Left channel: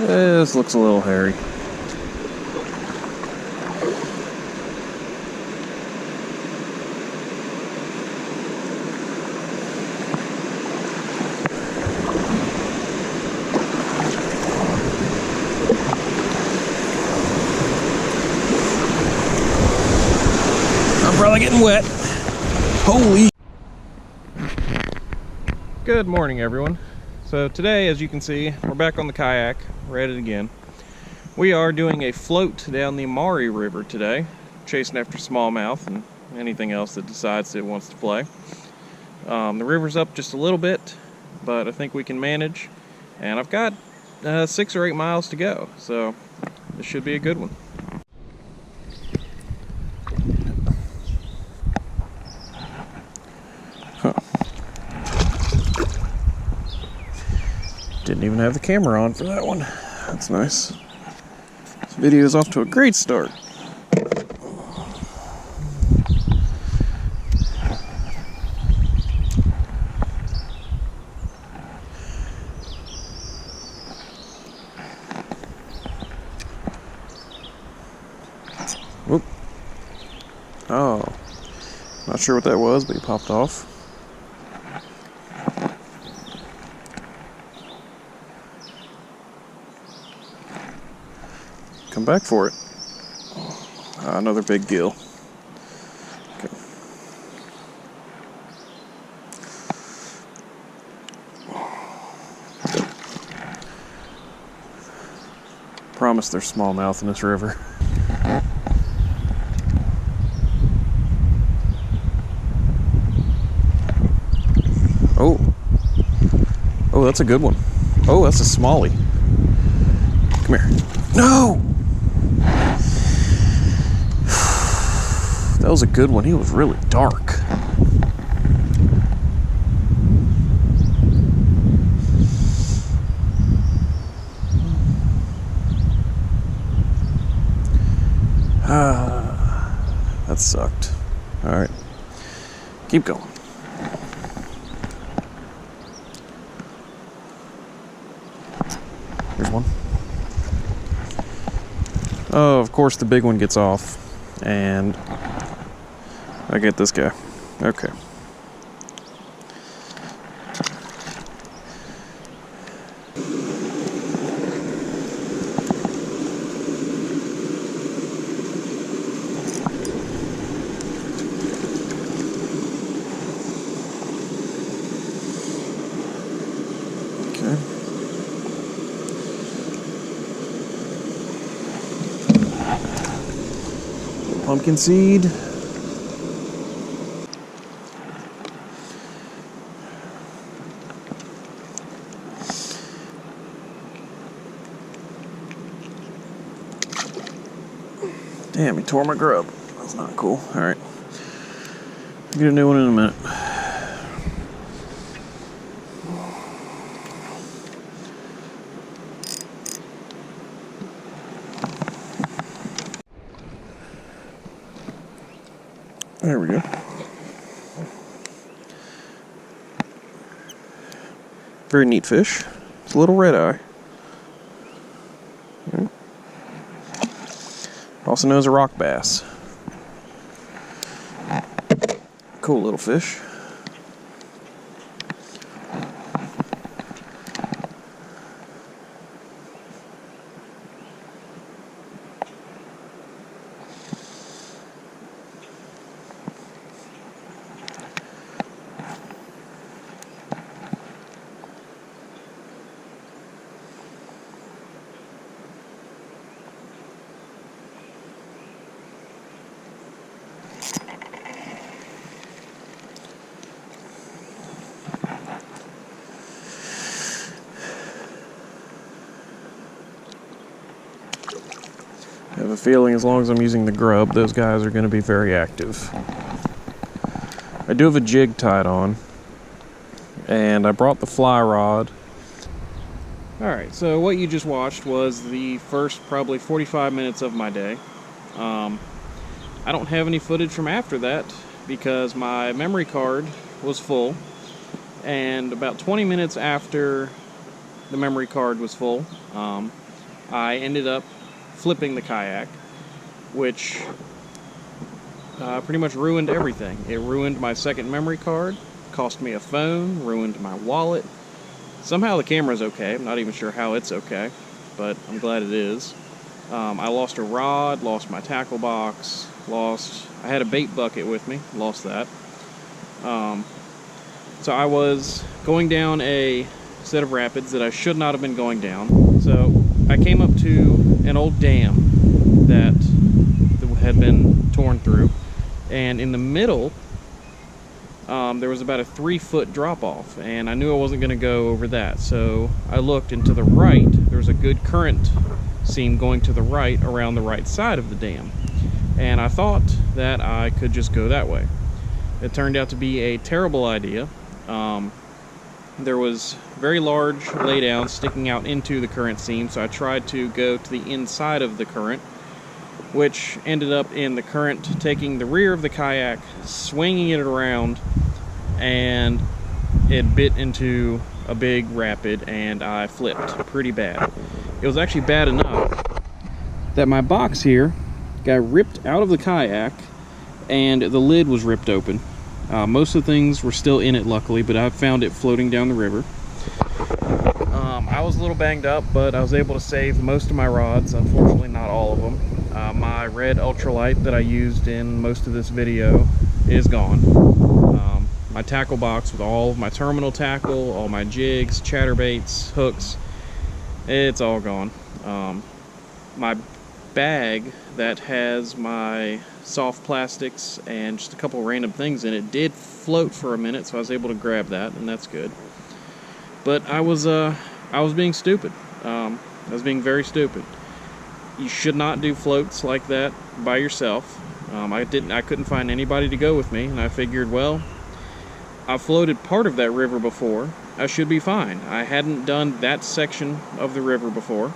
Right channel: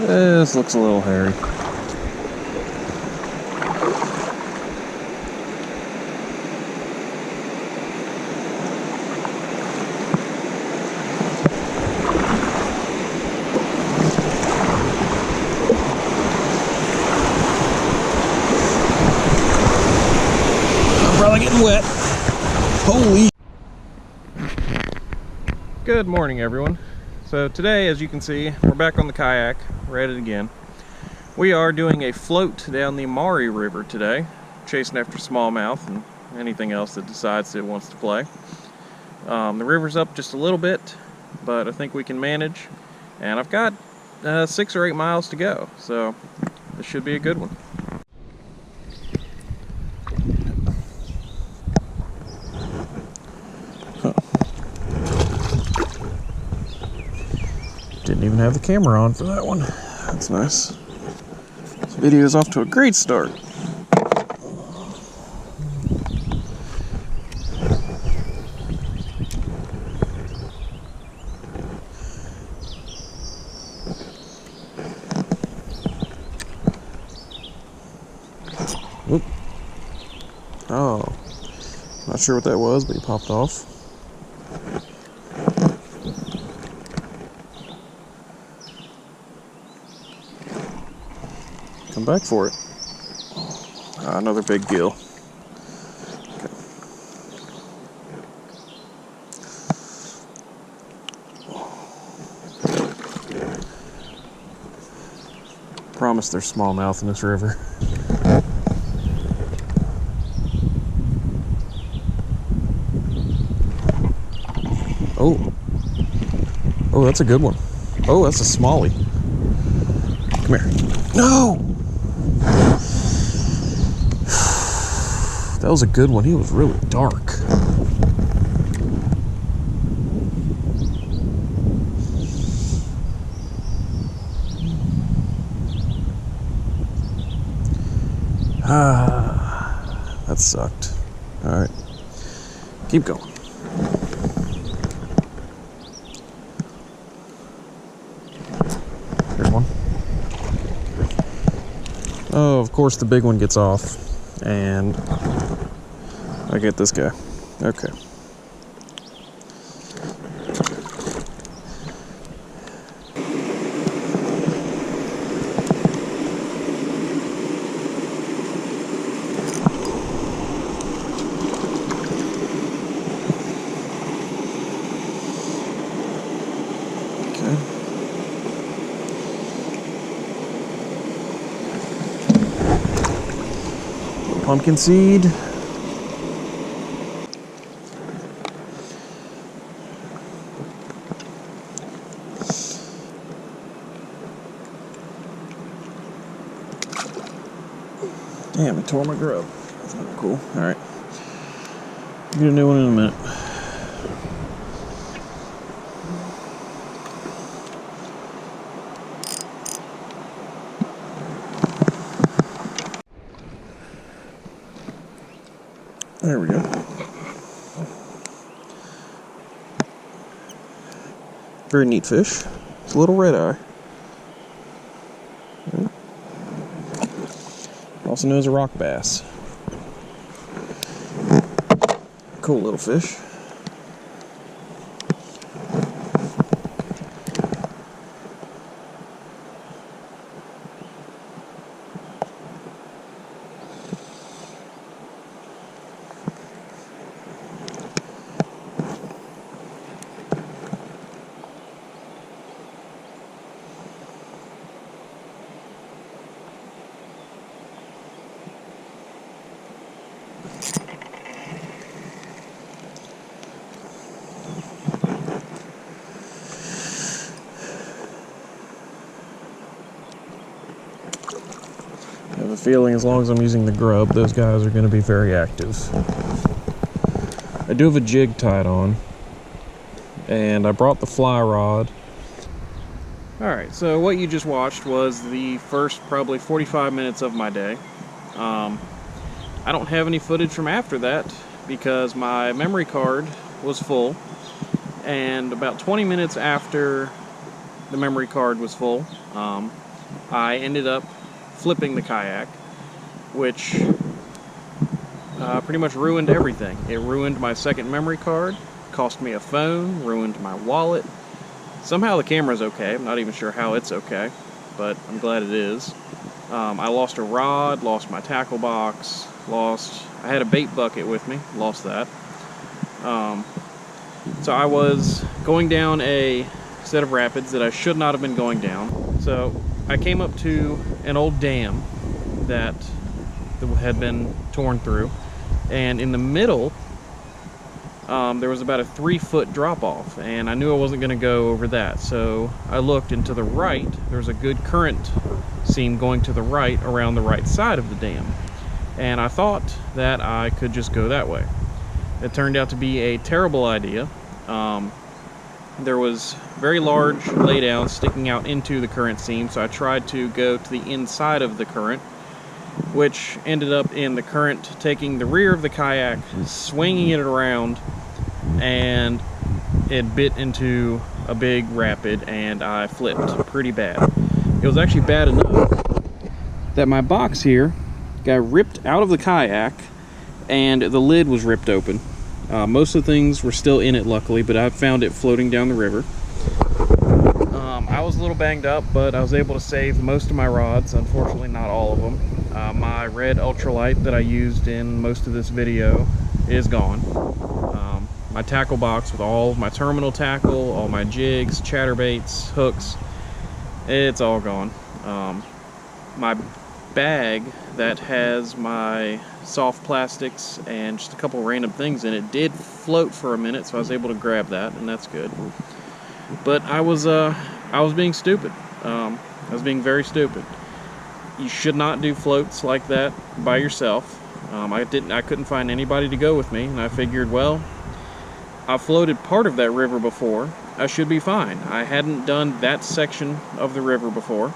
This looks a little hairy. I'm probably getting wet. Holy. Good morning, everyone. So today, as you can see, we're back on the kayak. We're at it again. We are doing a float down the Maury River today, chasing after smallmouth and anything else that decides it wants to play. The river's up just a little bit, but I think we can manage. And I've got 6 or 8 miles to go, so this should be a good one. Huh. Didn't even have the camera on for that one. That's nice. This video is off to a great start. Whoop. Oh. Not sure what that was, but he popped off. Come back for it. Another big gill. Okay. Promise there's smallmouth in this river. Oh. Oh, that's a good one. Oh, that's a smallie. Come here. No! That was a good one. He was really dark. That sucked. All right, keep going. Here's one. Oh, of course the big one gets off, and I get this guy. Okay. Pumpkin seed. Damn, he tore my grub. That's not cool. All right. Get a new one in a minute. There we go. Very neat fish. It's a little red eye. Also known as a rock bass. Cool little fish. I have a feeling as long as I'm using the grub, those guys are going to be very active. I do have a jig tied on, and I brought the fly rod. Alright, so what you just watched was the first probably 45 minutes of my day. I don't have any footage from after that because my memory card was full, and about 20 minutes after the memory card was full, I ended up flipping the kayak, which pretty much ruined everything. It ruined my second memory card, cost me a phone, ruined my wallet. Somehow the camera's okay. I'm not even sure how it's okay, but I'm glad it is. I lost a rod, lost my tackle box, I had a bait bucket with me, lost that. So I was going down a set of rapids that I should not have been going down. So I came up to an old dam that had been torn through, and in the middle there was about a 3-foot drop off, and I knew I wasn't going to go over that. So I looked, and to the right there's a good current seam going to the right around the right side of the dam, and I thought that I could just go that way. It turned out to be a terrible idea. There was very large laydowns sticking out into the current seam, so I tried to go to the inside of the current, which ended up in the current taking the rear of the kayak, swinging it around, and it bit into a big rapid, and I flipped pretty bad. It was actually bad enough that my box here got ripped out of the kayak, and the lid was ripped open. Most of the things were still in it, luckily, but I found it floating down the river. I was a little banged up, but I was able to save most of my rods. Unfortunately, not all of them. My red ultralight that I used in most of this video is gone. My tackle box with all of my terminal tackle, all my jigs, chatterbaits, hooks, it's all gone. My bag that has my soft plastics and just a couple random things in it did float for a minute, so I was able to grab that, and that's good. But I was being stupid. I was being very stupid. You should not do floats like that by yourself. I couldn't find anybody to go with me, and I figured, well, I floated part of that river before, I should be fine. I hadn't done that section of the river before.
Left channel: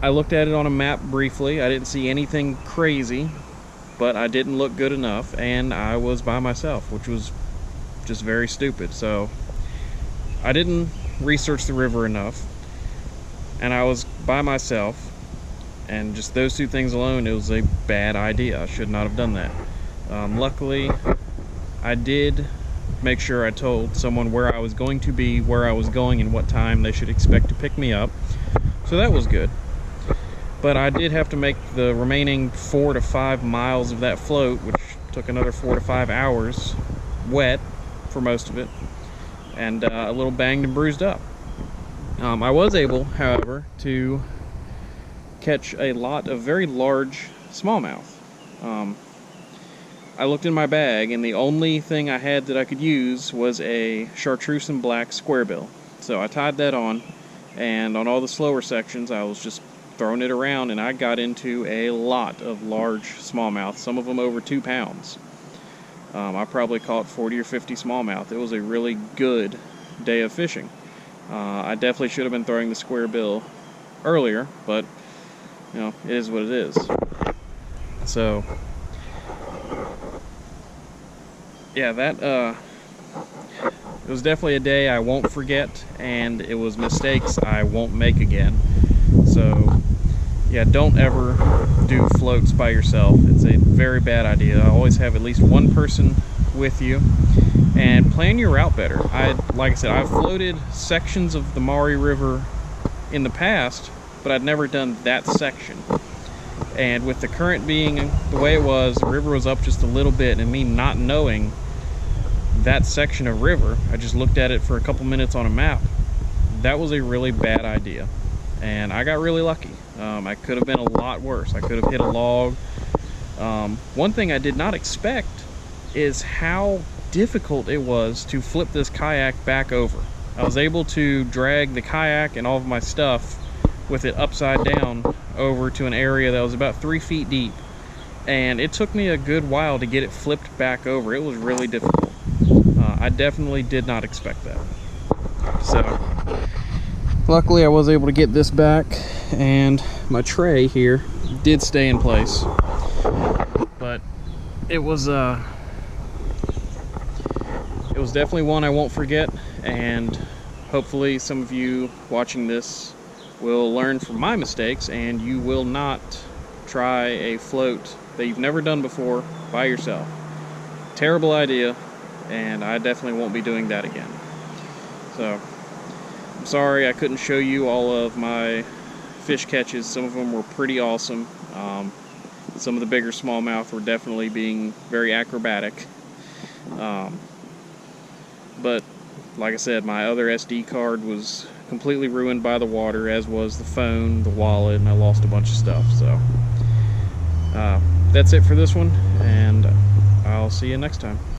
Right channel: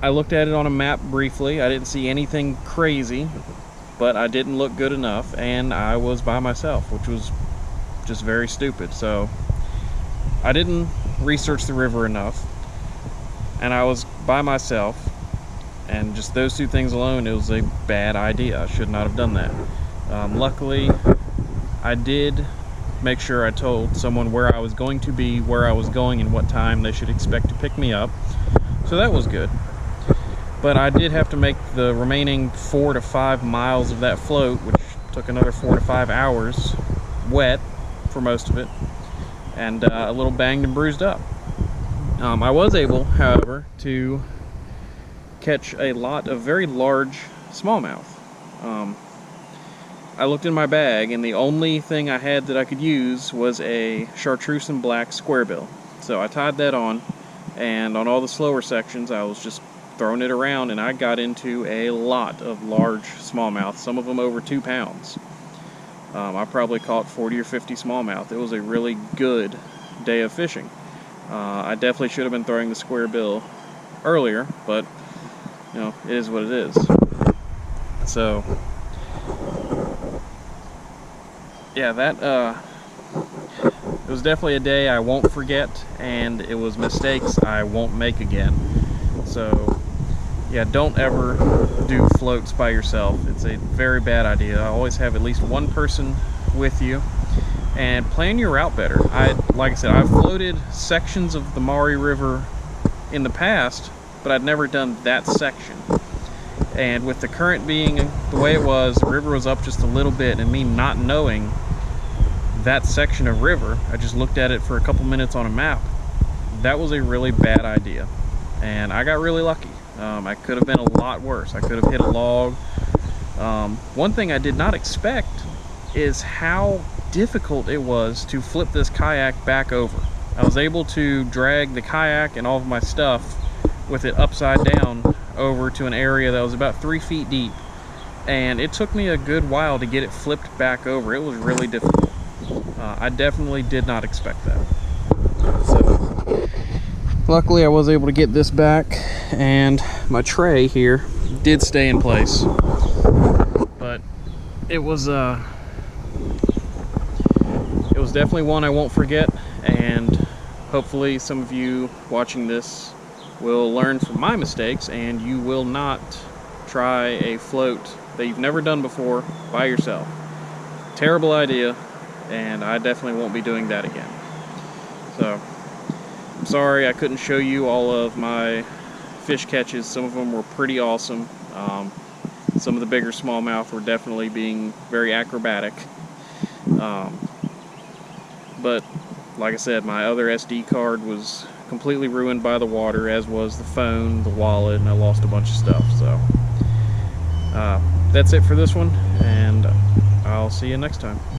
I looked at it on a map briefly. I didn't see anything crazy, but I didn't look good enough, and I was by myself, which was just very stupid. So I didn't research the river enough, and I was by myself, and just those two things alone, it was a bad idea. I should not have done that. Luckily, I did make sure I told someone where I was going to be, where I was going, and what time they should expect to pick me up. So that was good. But I did have to make the remaining 4 to 5 miles of that float, which took another 4 to 5 hours, wet for most of it, and a little banged and bruised up. I was able, however, to catch a lot of very large smallmouth. I looked in my bag, and the only thing I had that I could use was a chartreuse and black squarebill. So I tied that on, and on all the slower sections I was just throwing it around, and I got into a lot of large smallmouth, some of them over 2 pounds. I probably caught 40 or 50 smallmouth. It was a really good day of fishing. I definitely should have been throwing the square bill earlier, but you know, it is what it is. So yeah, that it was definitely a day I won't forget, and it was mistakes I won't make again. So yeah, don't ever do floats by yourself. It's a very bad idea. I always have at least one person with you, and plan your route better. Like I said, I've floated sections of the Maury River in the past, but I'd never done that section. And with the current being the way it was, the river was up just a little bit, and me not knowing that section of river, I just looked at it for a couple minutes on a map. That was a really bad idea, and I got really lucky. I could have been a lot worse. I could have hit a log. One thing I did not expect is how difficult it was to flip this kayak back over. I was able to drag the kayak and all of my stuff with it upside down over to an area that was about 3 feet deep, and it took me a good while to get it flipped back over. It was really difficult. I definitely did not expect that. So luckily I was able to get this back, and my tray here did stay in place, but it was definitely one I won't forget. And hopefully some of you watching this will learn from my mistakes and you will not try a float that you've never done before by yourself. Terrible idea, and I definitely won't be doing that again. So, I'm sorry I couldn't show you all of my fish catches. Some of them were pretty awesome. Some of the bigger smallmouth were definitely being very acrobatic. But like I said, my other SD card was completely ruined by the water, as was the phone, the wallet, and I lost a bunch of stuff. So that's it for this one, and I'll see you next time.